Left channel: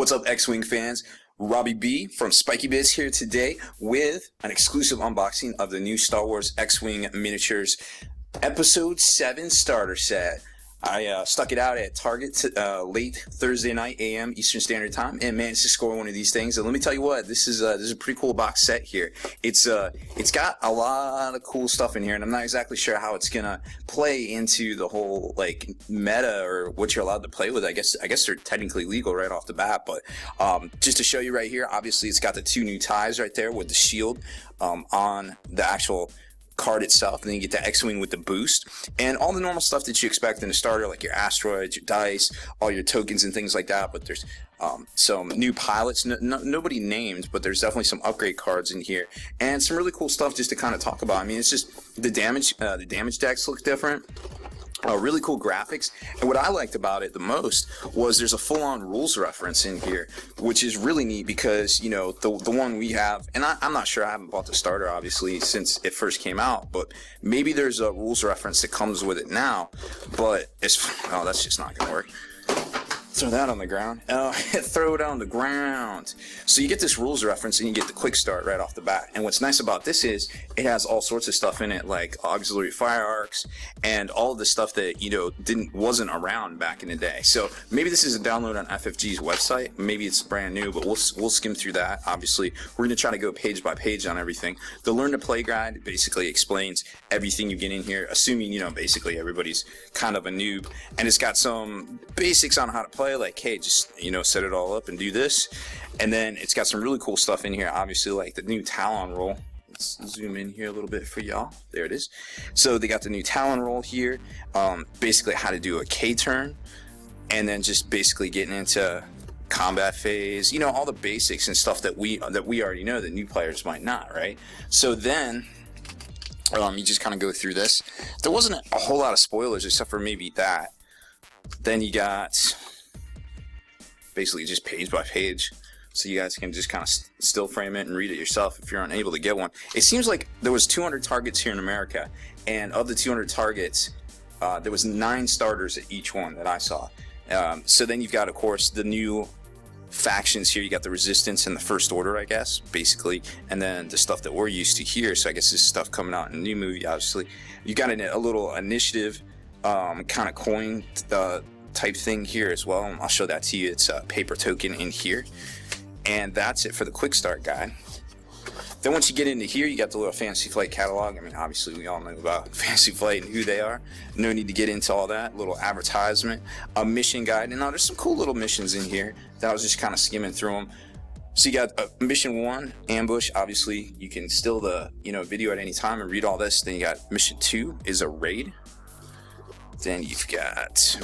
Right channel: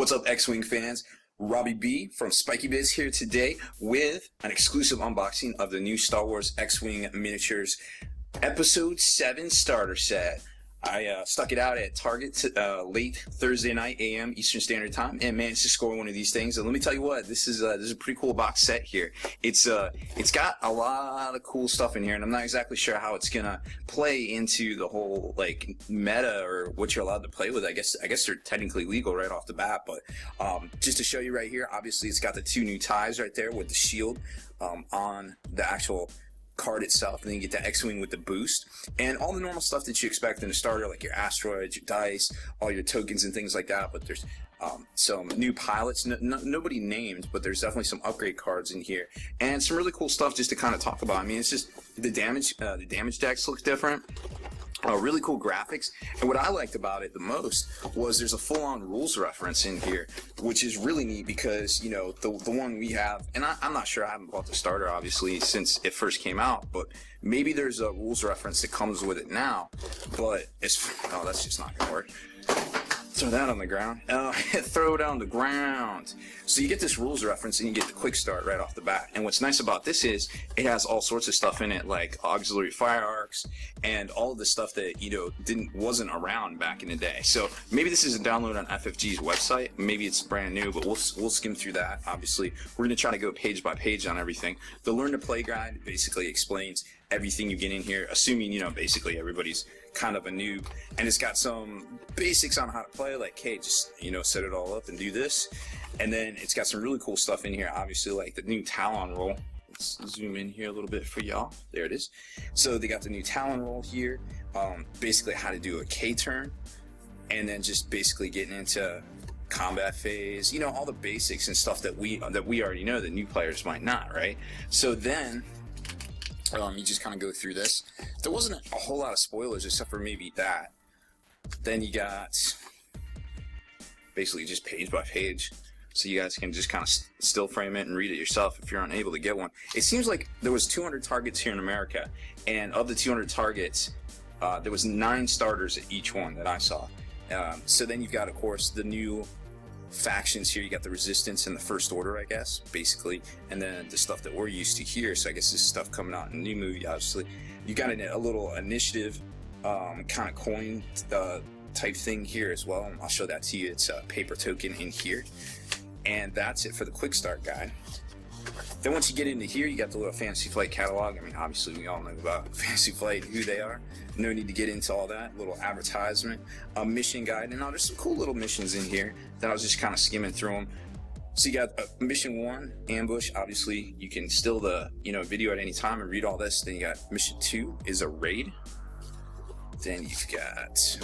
What's up, X-wing fans? Robbie B from Spiky Biz here today with an exclusive unboxing of the new Star Wars X-wing miniatures Episode VII starter set. I stuck it out at Target late Thursday night a.m. Eastern Standard Time and managed to score one of these things. And let me tell you what, this is a pretty cool box set here. It's got a lot of cool stuff in here, and I'm not exactly sure how it's gonna play into the whole like meta or what you're allowed to play with. I guess they're technically legal right off the bat, but just to show you right here, obviously it's got the two new ties right there with the shield on the actual card itself, and then you get the X-wing with the boost and all the normal stuff that you expect in a starter, like your asteroids, your dice, all your tokens and things like that. But there's some new pilots, nobody named, but there's definitely some upgrade cards in here and some really cool stuff just to kind of talk about. I mean, it's just the damage decks look different. Really cool graphics, and what I liked about it the most was there's a full-on rules reference in here, which is really neat because, you know, the one we have, and I'm not sure, I haven't bought the starter obviously since it first came out, but maybe there's a rules reference that comes with it now, but it's, oh, that's just not gonna work. Throw that on the ground. Throw it on the ground. So you get this rules reference and you get the quick start right off the bat. And what's nice about this is it has all sorts of stuff in it, like auxiliary fire arcs and all of the stuff that, you know, wasn't around back in the day. So maybe this is a download on FFG's website. Maybe it's brand new, but we'll skim through that. Obviously, we're going to try to go page by page on everything. The Learn to Play guide basically explains everything you get in here, assuming, you know, basically everybody's kind of a noob, and it's got some basics on how to play, like, hey, just, you know, set it all up and do this. And then it's got some really cool stuff in here, obviously, like the new Talon roll. Let's zoom in here a little bit for y'all. There it is. So they got the new Talon roll here, basically how to do a K turn, and then just basically getting into combat phase, you know, all the basics and stuff that we already know that new players might not, right? So then you just kind of go through this. There wasn't a whole lot of spoilers except for maybe that. Then you got basically just page by page, so you guys can just kind of still frame it and read it yourself if you're unable to get one. It seems like there was 200 targets here in America, and of the 200 targets, there was 9 starters at each one that I saw. So then you've got, of course, the new factions here. You got the Resistance and the First Order, I guess, basically, and then the stuff that we're used to here. So I guess this stuff coming out in a new movie, obviously. You got a little initiative kind of coin type thing here as well, and I'll show that to you. It's a paper token in here, and that's it for the quick start guide. Then once you get into here, you got the little Fantasy Flight catalog. I mean, obviously we all know about Fantasy Flight and who they are. No need to get into all that. Little advertisement, a mission guide, and now there's some cool little missions in here that I was just kind of skimming through them. So you got mission 1, ambush. Obviously you can still the, you know, video at any time and read all this. Then you got mission 2 is a raid. Then you've got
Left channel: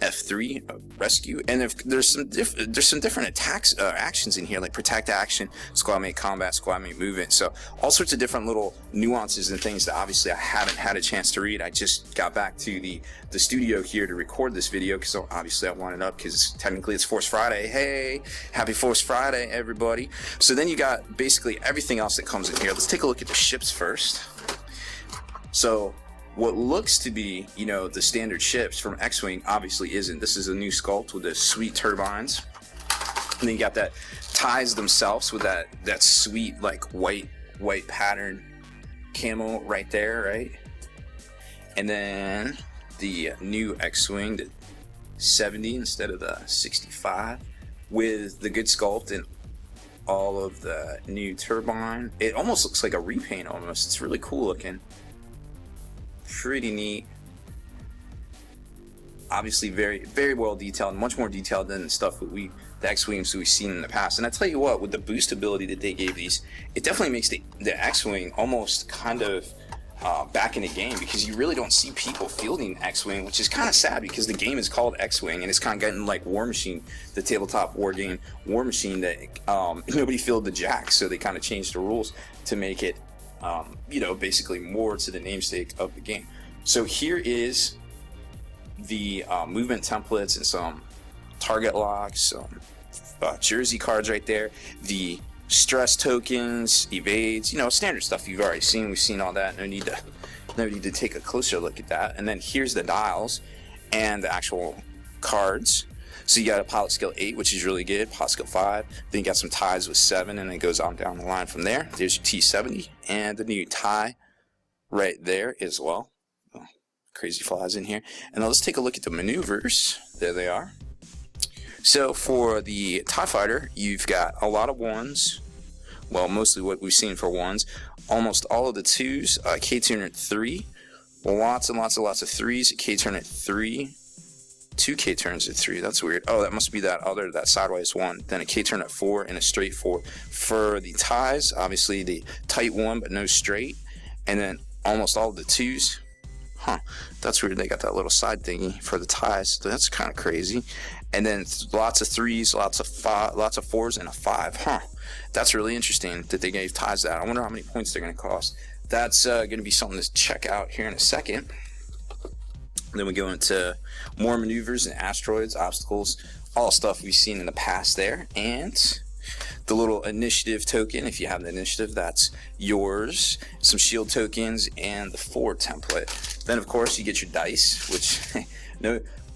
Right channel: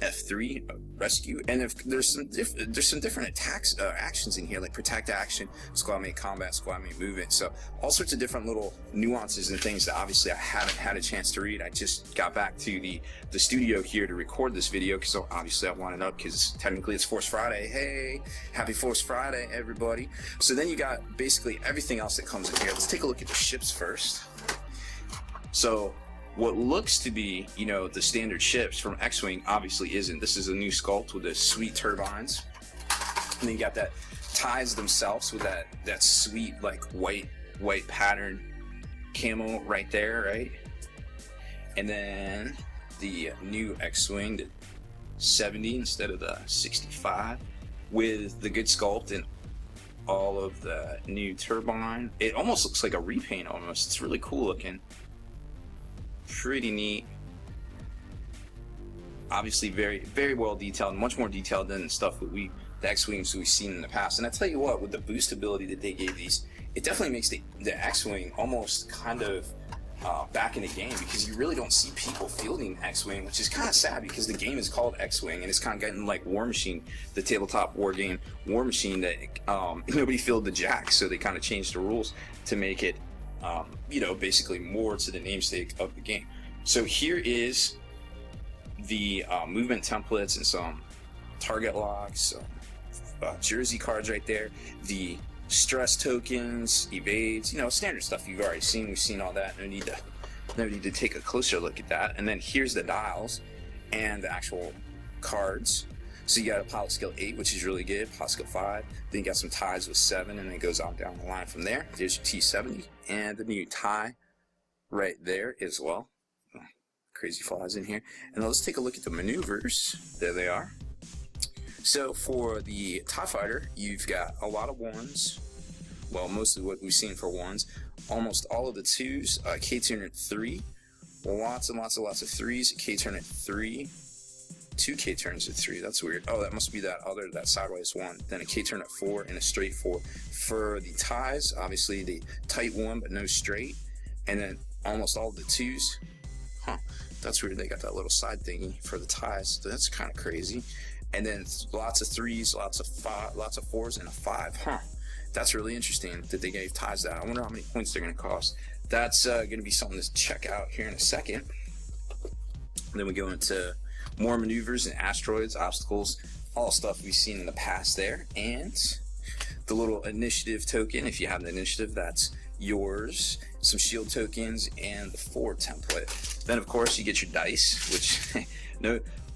F3, rescue, and if there's some different attacks actions in here, like protect action, squad mate combat, squad mate movement. So all sorts of different little nuances and things that obviously I haven't had a chance to read. I just got back to the studio here to record this video because obviously I wanted up because technically it's Force Friday. Hey, happy Force Friday, everybody. So then you got basically everything else that comes in here. Let's take a look at the ships first. So what looks to be, you know, the standard ships from X-wing obviously isn't. This is a new sculpt with the sweet turbines, and then you got that ties themselves with that sweet like white pattern camo right there, right? And then the new X-wing, the 70 instead of the 65, with the good sculpt and all of the new turbine. It almost looks like a repaint almost. It's really cool looking. Pretty neat. Obviously very, very well detailed, much more detailed than the stuff that the X-wings we've seen in the past. And I tell you what, with the boost ability that they gave these, it definitely makes the X-wing almost kind of back in the game, because you really don't see people fielding X-wing, which is kind of sad because the game is called X-wing, and it's kind of getting like War Machine, the tabletop war game War Machine, that nobody fielded the Jack, so they kind of changed the rules to make it you know, basically more to the namesake of the game. So here is the movement templates and some target locks, some jersey cards right there, the stress tokens, evades, you know, standard stuff you've already seen. We've seen all that. No need to take a closer look at that. And then here's the dials and the actual cards. So you got a pilot skill 8, which is really good, pilot skill 5, then you got some ties with 7, and it goes on down the line from there. There's your T-70, and the new tie right there as well. Oh, crazy flies in here. And now let's take a look at the maneuvers. There they are. So for the TIE Fighter, you've got a lot of 1s, well, mostly what we've seen for 1s, almost all of the 2s, K-turn at 3, lots and lots of 3s, K-turn at 3, 2 K-turns at 3, that's weird. Oh, that must be that sideways one. Then a K-turn at 4 and a straight 4. For the ties, obviously the tight 1 but no straight. And then almost all of the 2s. Huh, that's weird. They got that little side thingy for the ties. So that's kind of crazy. And then lots of 3s, lots of 4s, and a 5. Huh, that's really interesting that they gave ties that. I wonder how many points they're going to cost. That's going to be something to check out here in a second. Then we go into more maneuvers and asteroids, obstacles, all stuff we've seen in the past there. And the little initiative token, if you have the initiative, that's yours. Some shield tokens and the forward template. Then of course you get your dice, which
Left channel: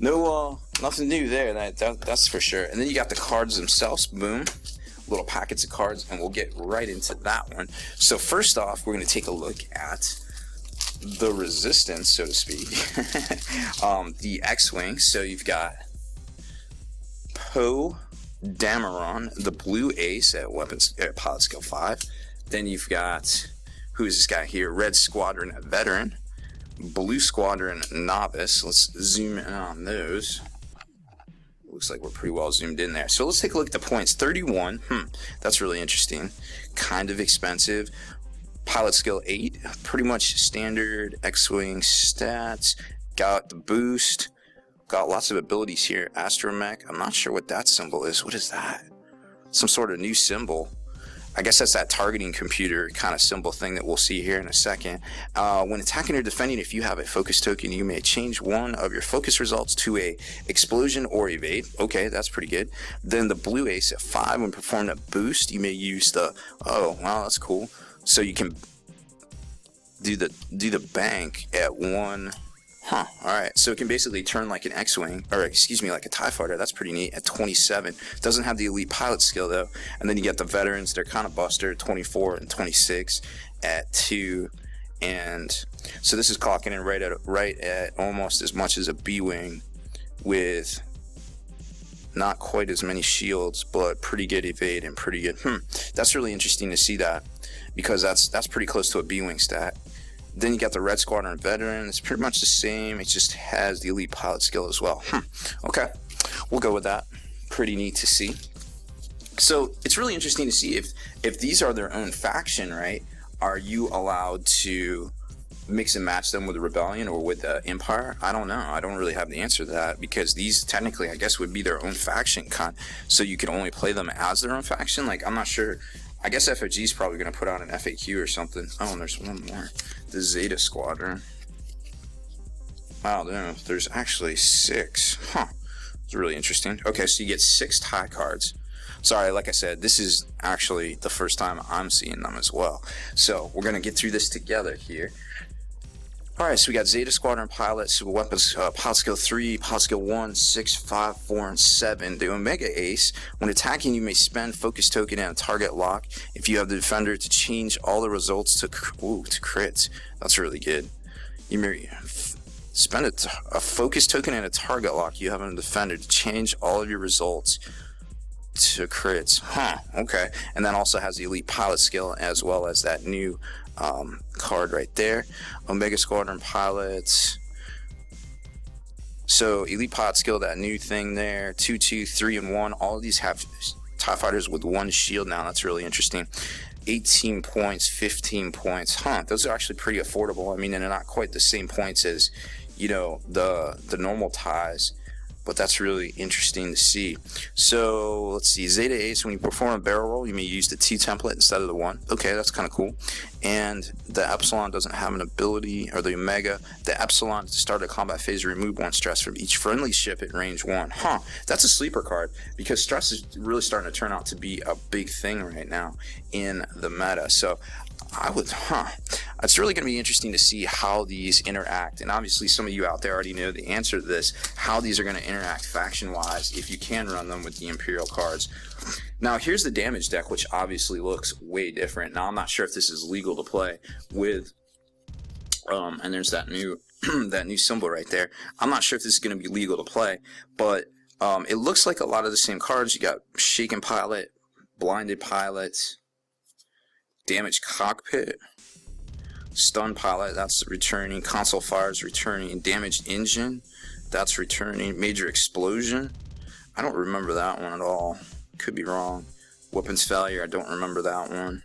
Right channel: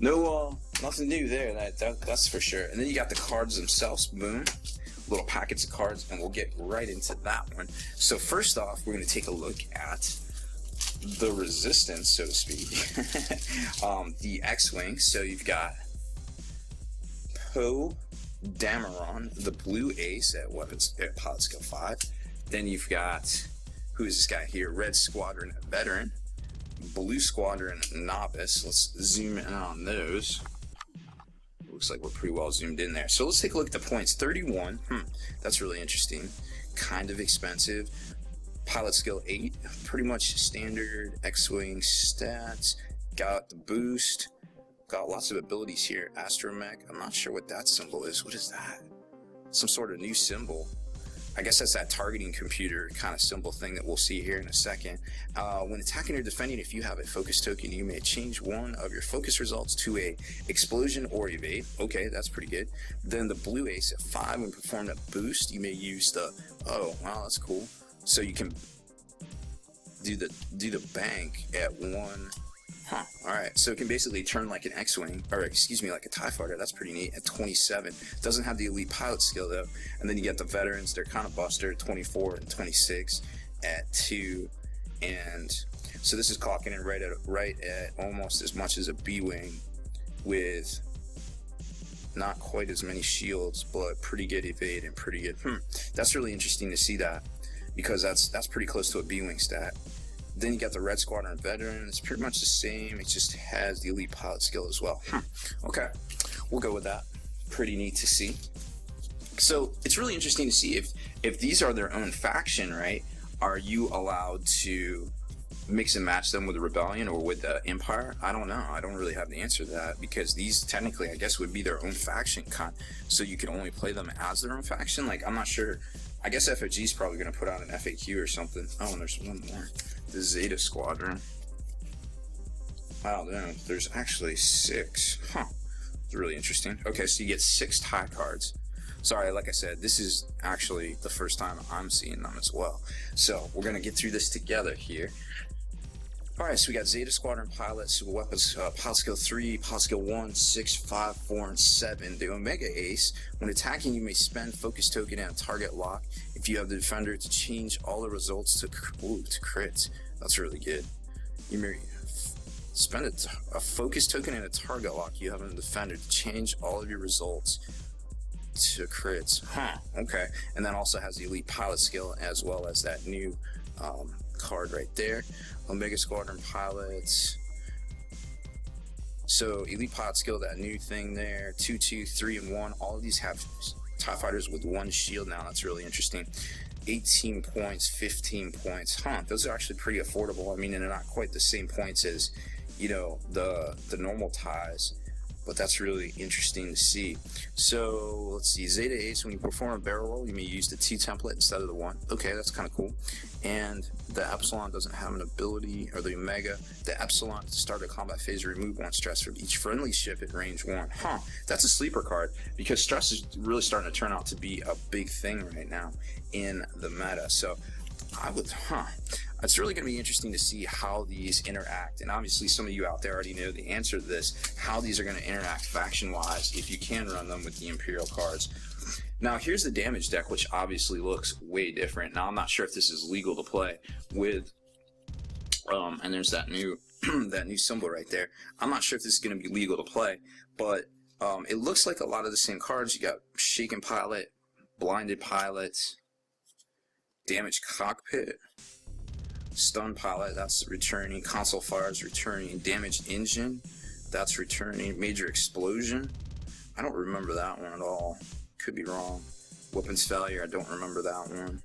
nothing new there. That's for sure. And then you got the cards themselves. Boom. Little packets of cards, and we'll get right into that one. So first off, we're going to take a look at the resistance, so to speak. The X-wing. So you've got Poe Dameron, the blue ace at pilot skill 5. Then you've got, who's this guy here? Red Squadron veteran, blue Squadron novice. Let's zoom in on those. Looks like we're pretty well zoomed in there. So let's take a look at the points. 31. That's really interesting. Kind of expensive. Pilot skill 8, pretty much standard X-wing stats. Got the boost, got lots of abilities here. Astromech, I'm not sure what that symbol is. What is that? Some sort of new symbol. I guess that's that targeting computer kind of symbol thing that we'll see here in a second. When attacking or defending, if you have a focus token, you may change one of your focus results to a explosion or evade. Okay, that's pretty good. Then the blue ace at 5, when performing a boost, you may use the, oh wow, that's cool. So you can do the bank at 1. Huh, alright, so it can basically turn like an X-wing, or excuse me, like a TIE Fighter. That's pretty neat at 27. Doesn't have the elite pilot skill though. And then you get the veterans, they're kind of buster, 24 and 26 at 2. And so this is clocking in right at almost as much as a B-wing, with not quite as many shields, but pretty good evade and pretty good. That's really interesting to see that, because that's pretty close to a B-wing stat. Then you got the Red Squadron veteran. It's pretty much the same. It just has the elite pilot skill as well. Okay, we'll go with that. Pretty neat to see. So it's really interesting to see if these are their own faction, right? Are you allowed to mix and match them with the Rebellion or with the Empire? I don't know. I don't really have the answer to that, because these technically, I guess, would be their own faction. So you can only play them as their own faction. Like, I'm not sure. I guess FFG is probably going to put out an FAQ or something. Oh, and there's one more. The Zeta Squadron. Wow, there's actually 6. Huh. It's really interesting. Okay, so you get 6 tie cards. Sorry, like I said, this is actually the first time I'm seeing them as well. So we're going to get through this together here. Alright, so we got Zeta Squadron pilots, weapons, pilot skill 3, pilot skill 1, 6, 5, 4, and 7. The Omega Ace, when attacking, you may spend focus token and a target lock if you have the defender to change all the results to crits. That's really good. You may spend a focus token and a target lock you have on the defender to change all of your results to crits. Huh, okay. And that also has the elite pilot skill, as well as that new card right there. Omega Squadron pilots. So elite pilot skill, that new thing there. 2, 2, 3, and 1. All of these have TIE Fighters with 1 shield now. That's really interesting. 18 points, 15 points. Huh, those are actually pretty affordable. I mean, they're not quite the same points as, you know, the normal ties, but that's really interesting to see. So let's see, Zeta Ace, when you perform a barrel roll, you may use the T template instead of the 1. Okay, that's kind of cool. And the Epsilon doesn't have an ability, or the Omega. The Epsilon, to start a combat phase, remove 1 stress from each friendly ship at range 1. Huh, that's a sleeper card, because stress is really starting to turn out to be a big thing right now in the meta. So I It's really going to be interesting to see how these interact, and obviously some of you out there already know the answer to this, how these are going to interact faction-wise if you can run them with the Imperial cards. Now here's the damage deck, which obviously looks way different. Now I'm not sure if this is legal to play with, and there's that new that new symbol right there. I'm not sure if this is going to be legal to play, but it looks like a lot of the same cards. You got Shaken Pilot, Blinded Pilot, Damaged Cockpit, Stun Pilot, that's returning, Console Fires returning, Damaged Engine, that's returning, Major Explosion, I don't remember that one at all, could be wrong. Weapons Failure, I don't remember that one.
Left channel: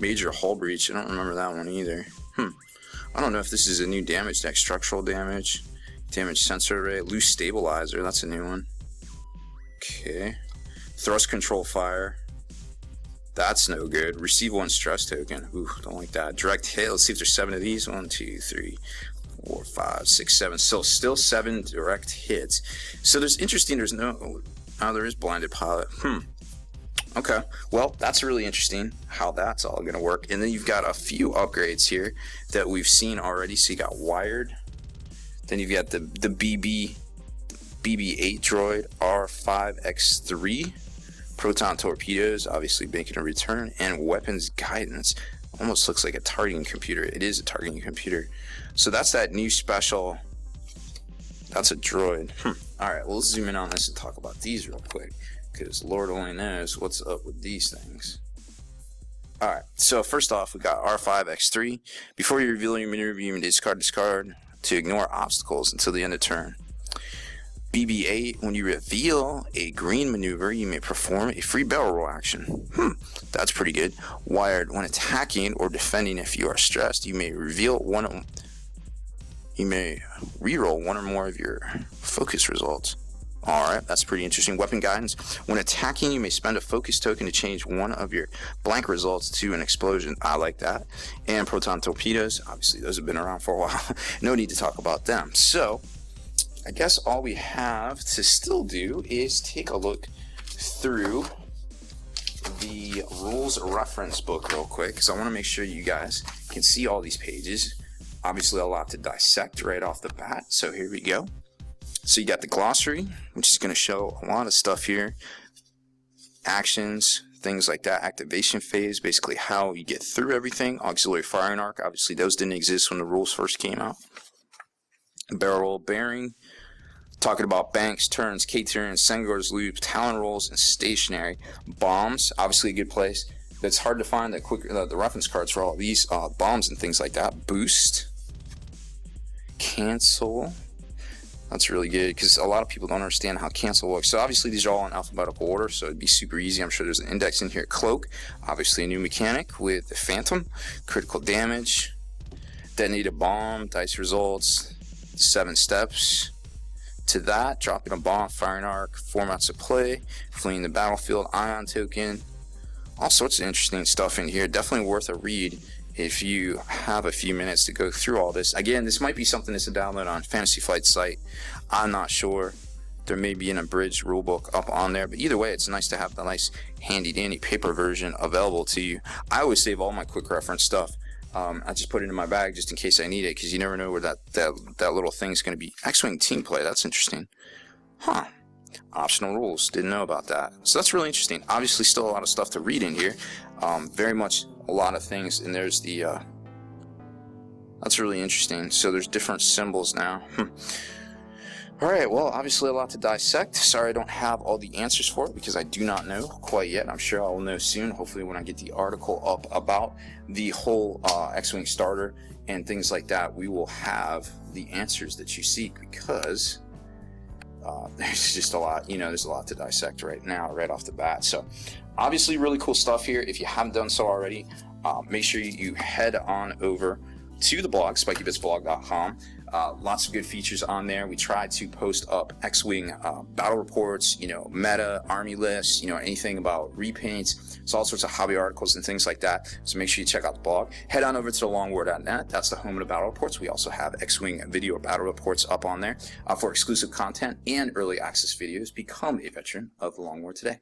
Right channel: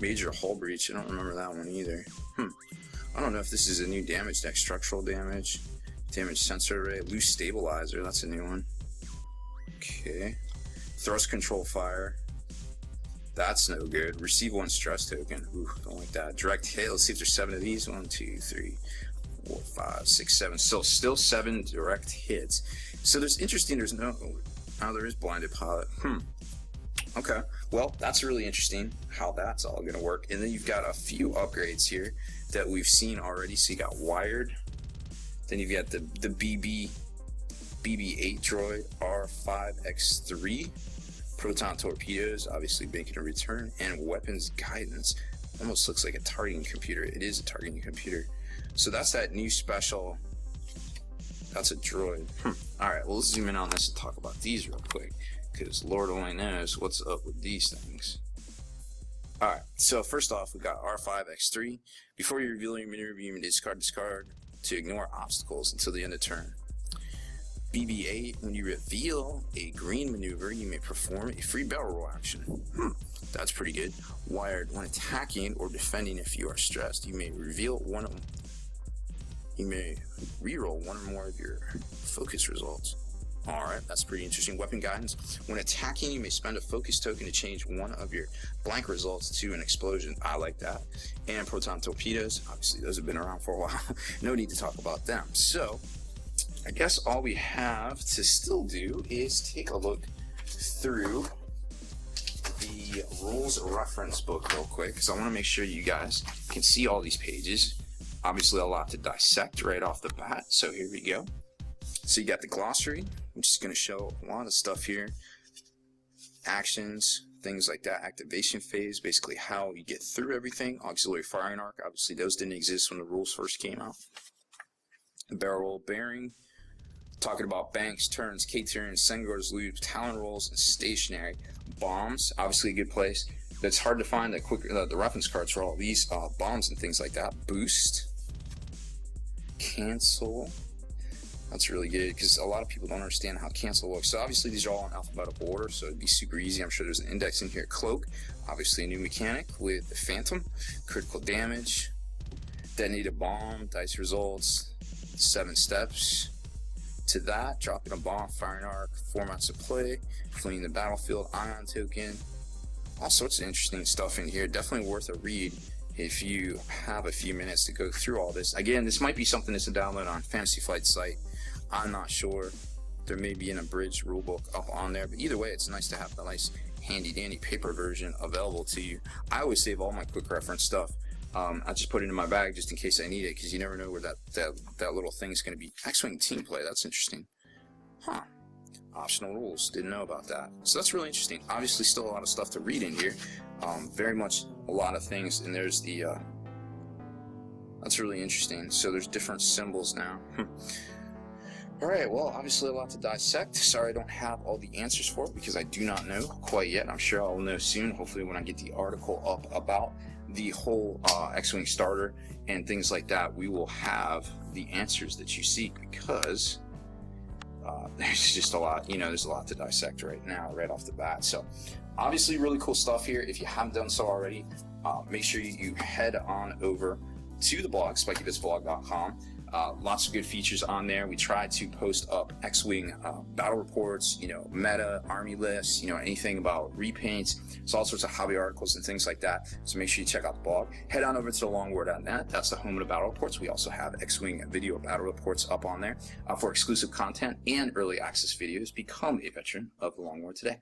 Major Hull Breach, I don't remember that one either. I don't know if this is a new damage deck. Structural Damage, Damage Sensor Array, Loose Stabilizer, that's a new one. Okay. Thrust Control Fire, that's no good. Receive 1 stress token. Ooh, don't like that. Direct hit. Let's see if there's 7 of these. 1, 2, 3, 4, 5, 6, 7. Still 7 direct hits. So there's interesting. There's no. Oh, there is Blinded Pilot. Okay. Well, that's really interesting how that's all going to work. And then you've got a few upgrades here that we've seen already. So you got Wired. Then you've got the BB-8 droid R5X3. Proton Torpedoes, obviously making a return, and Weapons Guidance. Almost looks like a targeting computer. It is a targeting computer. So that's that new special. That's a droid. Alright, we'll zoom in on this and talk about these real quick, because Lord only knows what's up with these things. Alright, so first off, we got R5X3. Before you reveal your maneuver, you may discard to ignore obstacles until the end of turn. BB-8, when you reveal a green maneuver, you may perform a free barrel roll action. That's pretty good. Wired, when attacking or defending if you are stressed, you may reroll one or more of your focus results. Alright, that's pretty interesting. Weapon Guidance, when attacking, you may spend a focus token to change one of your blank results to an explosion. I like that. And Proton Torpedoes, obviously those have been around for a while. No need to talk about them. So I guess all we have to still do is take a look through the rules reference book real quick, because I want to make sure you guys can see all these pages. Obviously a lot to dissect right off the bat, so here we go. So you got the glossary, which is going to show a lot of stuff here. Actions, things like that. Activation phase, basically how you get through everything. Auxiliary firing arc, obviously those didn't exist when the rules first came out. Barrel roll bearing, talking about banks, turns, K-turns, Senghor's loops, Talon rolls, and stationary. Bombs, obviously a good place. It's hard to find the reference cards for all these bombs and things like that. Boost, cancel. That's really good because a lot of people don't understand how cancel works. So obviously these are all in alphabetical order, so it'd be super easy. I'm sure there's an index in here. Cloak, obviously a new mechanic with the Phantom. Critical damage, detonate a bomb, dice results, 7 steps to that, dropping a bomb, firing arc, formats of play, fleeing the battlefield, ion token, all sorts of interesting stuff in here. Definitely worth a read if you have a few minutes to go through all this. Again, this might be something that's a download on Fantasy Flight's site. I'm not sure. There may be an abridged rulebook up on there, but either way, it's nice to have the nice handy dandy paper version available to you. I always save all my quick reference stuff. I just put it in my bag just in case I need it, because you never know where that little thing's going to be. X-wing team play, that's interesting. Optional rules, didn't know about that. So that's really interesting. Obviously still a lot of stuff to read in here. Very much a lot of things, and there's the that's really interesting. So there's different symbols now. Alright, well, obviously a lot to dissect. Sorry I don't have all the answers for it because I do not know quite yet. I'm sure I'll know soon, hopefully when I get the article up about the whole X-wing starter and things like that. We will have the answers that you seek, because there's just a lot, there's a lot to dissect right now, right off the bat. So obviously really cool stuff here. If you haven't done so already, make sure you head on over to the blog, spikybitsblog.com. Lots of good features on there. We try to post up X-wing battle reports, meta, army lists, anything about repaints. It's all sorts of hobby articles and things like that. So make sure you check out the blog. Head on over to thelongwar.net. That's the home of the battle reports. We also have X-wing video battle reports up on there for exclusive content and early access videos. Become a veteran of the Long War today.